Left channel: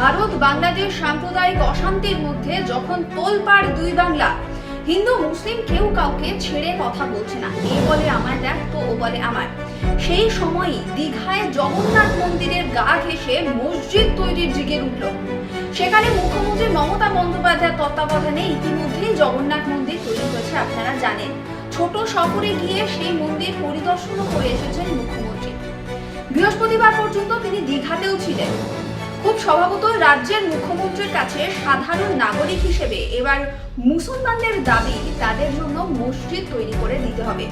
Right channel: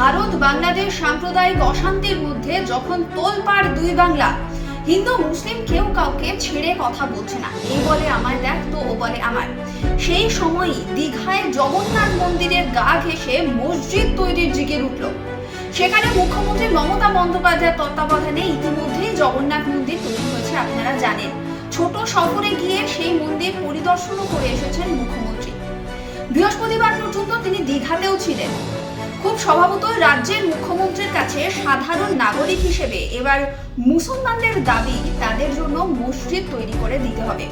ভারত বাংলাদেশ সাম্প্রদায়িক অশান্তির মধ্যে যখন তোলপাড় দুই বাংলা, হিন্দু মুসলিম কেউ কাউকে ছেড়ে কথা বলছে না। এ বলে আমার দেখ, তো ও বলে আমার। সেই সময়ই দীঘায় জগন্নাথ মন্দিরের গা ঘেঁষে মসজিদ তৈরির জিগের উঠল। সেখানে মুখ্যমন্ত্রী মমতা বন্দ্যোপাধ্যায়ের তত্ত্বাবধানে ইতিমধ্যেই জগন্নাথ মন্দির তৈরি হয়েছে, আপনারা জানেন। ছোট শহরে গিয়ে সেই মন্দির পরিদর্শনও করে এসেছেন মুখ্যমন্ত্রী। বৃহস্পতিবার পর্যন্ত তিনি দীঘাতেও ছিলেন। খুব স্বভাবত রাজ্যের মুখ্যমন্ত্রীর কাছে সাধারণ নাগরিক হিসেবে এবার মুসলমানদের দাবি তাদের জন্য মসজিদ তৈরি করে দিতে হবে।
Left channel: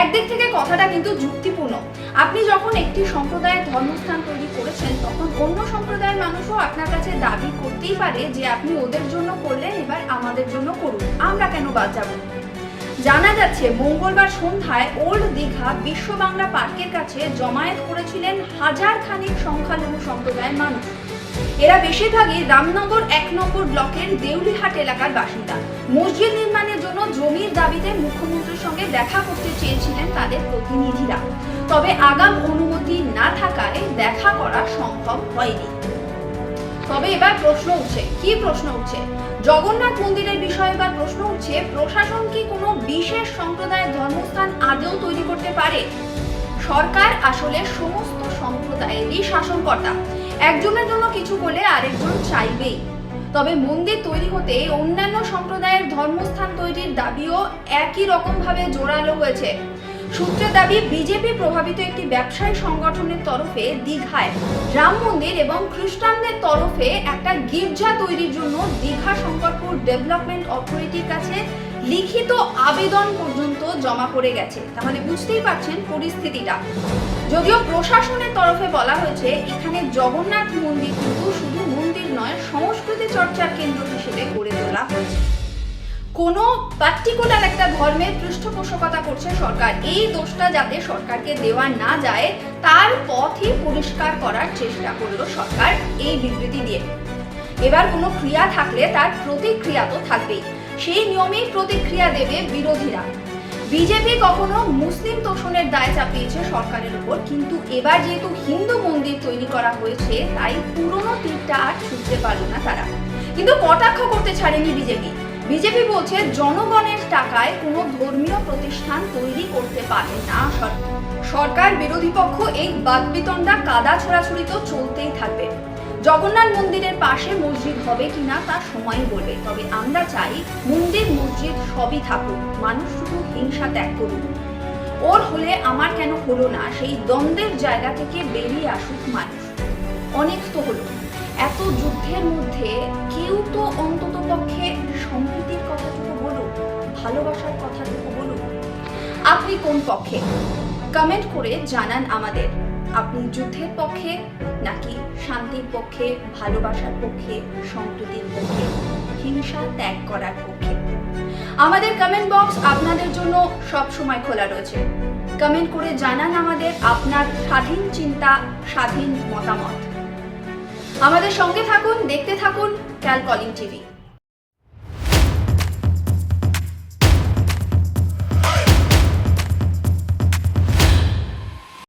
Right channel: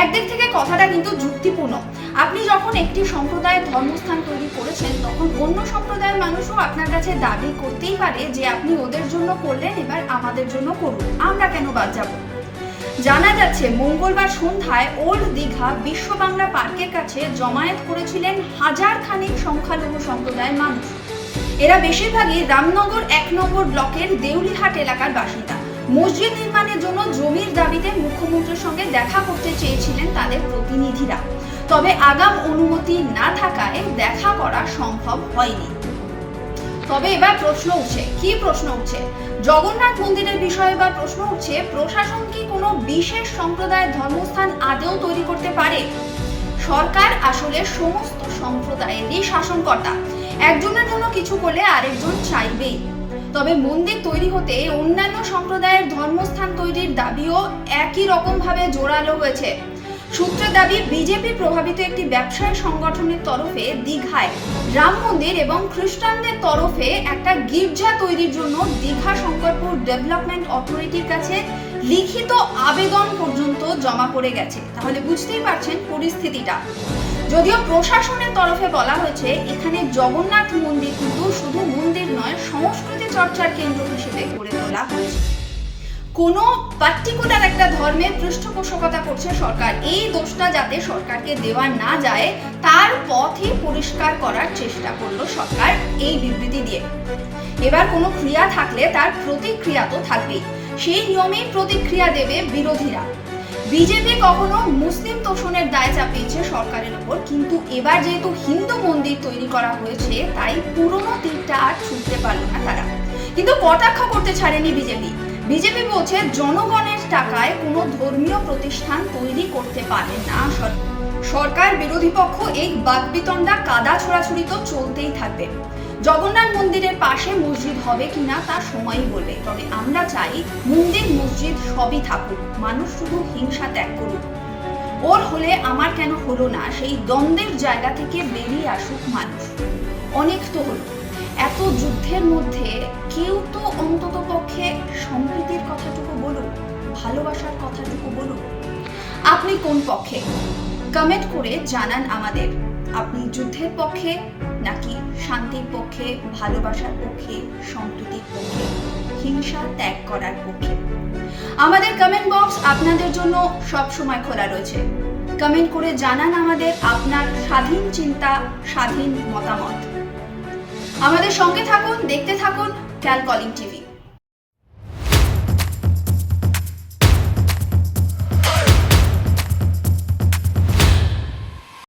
একদিক থেকে কথাটা কিন্তু যুক্তিপূর্ণ। আপনি যখন একটি সম্প্রদায়ের ধর্মস্থান তৈরি করেছেন, তখন অন্য সম্প্রদায়ের মানুষও আপনার কাছে দাবি করতেই পারে যে আপনি ওদের জন্য করলেন, এবার আমাদের জন্য করুন। আমরা কেন বাদ যাব? জানা যাচ্ছে, মঙ্গলবার সন্ধ্যায় ওল্ড দীঘা বিশ্ব বাংলা পার্কের কাছে জমায়েত করেছিলেন হাজার খানিক সংখ্যালঘু সম্প্রদায়ের মানুষ। এরা বেশিরভাগই রামনগর এক নম্বর ব্লকের দেউলিহাট এলাকার বাসিন্দা। মসজিদ নির্মাণের জন্য জমির দাবিতে মুখ্যমন্ত্রীর সঙ্গে দেখা করতে চেয়েছিলেন তাদের প্রতিনিধিরা। তবে আগাম অনুমতি না থাকায় দেখা করা সম্ভব হয়নি। তবে এবার প্রশ্ন উঠছে। কি প্রশ্ন উঠছে? জগন্নাথ মন্দিরের বিষয়ে এবার প্রশ্ন উঠছে, প্রশাসন কি কোনো বিশেষ সম্প্রদায়ের ধর্মস্থান আদেও তৈরি করতে পারে? সরকার আসলে সমস্ত সম্প্রদায়েরই শাসনকর্তা। একজনের জন্য কিছু করলে আরেকজন চাইবেই। তবে মন্দির তৈরি হতে অন্যান্য সম্প্রদায়ের ধর্মস্থান তৈরির দাবিও একই রকমভাবে জোরালো হয়েছে। সূত্রের দাবি, বিজেপি প্রভাবিত একটি ব্যবসায়ী সংগঠনের তরফে দীঘায় রাম মন্দির এবং খ্রিস্টানদের তরফে একটা গির্জা তৈরির জন্য দীঘা শঙ্করপুর ডেভেলপমেন্ট অথরিটির কাছে লিখিত আবেদন পর্যন্ত জমা পড়ে গেছে। তাহলে বুঝতেই পারছেন পরিস্থিতিটা। যদিও প্রশাসনের তরফে বলা হয়েছে, এখানে জগন্নাথ মন্দির কিন্তু শুধু মন্দির নয়, সংস্কৃতি চর্চার কেন্দ্র হিসেবে গড়ে তোলা হয়েছে। কোনো পার্টিকুলার একটা ধর্মের পৃষ্ঠপোষকতা করছে সরকার। এই দোষটা যাতে সরকারকে দেওয়া না যায়, তার পথই পরিষ্কার করার চেষ্টা করল সরকার এই বিবৃতি দিয়ে। এবার কোনো ক্রিয়া থাকলে তার প্রতিক্রিয়া তো থাকবেই। সেই নিয়মেই প্রতিক্রিয়া দেবে বিরোধীরা। বিজেপি কখনো মুসলিম তোষণের দায় চাপিয়েছে সরকারের উপর, কিন্তু এবার যেহেতু হিন্দু মন্দির তৈরি করা হয়েছে, তাই পুরনো তীরটা আর ছুটতে পারল না তারা। কিন্তু কটাক্ষ করতে ছাড়েনি বিজেপি। বিজেপি বলছে জনগণের টাকায় কোনো ধর্মীয় প্রতিষ্ঠান তৈরি করতে পারে না। সরকার বিরোধী পক্ষ এই বাগবিতণ্ডা কাদা ছোড়াছুড়ি তো চলতেই থাকবে। জগন্নাথ মন্দিরের পাশে মসজিদ হবে কিনা তা সময়ই বলবে। তবে আমরা চাই মন্দির মসজিদ সবই থাকুক, মানুষ শুধু হিংসা ত্যাগ করুক। ওর হলে আমার কেন হলো না? সেই দ্বন্দ্বের জায়গা থেকে বেরিয়ে আসুক মানুষ। অনেক তো হলো। এত যুদ্ধের মধ্যে কেউ তো অন্তত সম্প্রীতির কথাটুকু বলুন, ভালোবাসার কথাটুকু বলুন। আপনি কোন পক্ষে? কমেন্ট করে জানান আমাদের। আপনি যুদ্ধের পক্ষে নাকি শান্তির পক্ষে, ভালোবাসার পক্ষে, সম্প্রীতির পক্ষে, হিংসা ত্যাগ করার পক্ষে? আমাদের কমেন্ট বক্স আপনাদের জন্য সব সময় খোলা রয়েছে। কমেন্ট করে জানান আমাদের আপনার স্বাধীন চিন্তা, স্বাধীন মতামত। আমাদের সঙ্গে থাকুন, দেখতে থাকুন ক্যাল কলিং টিভি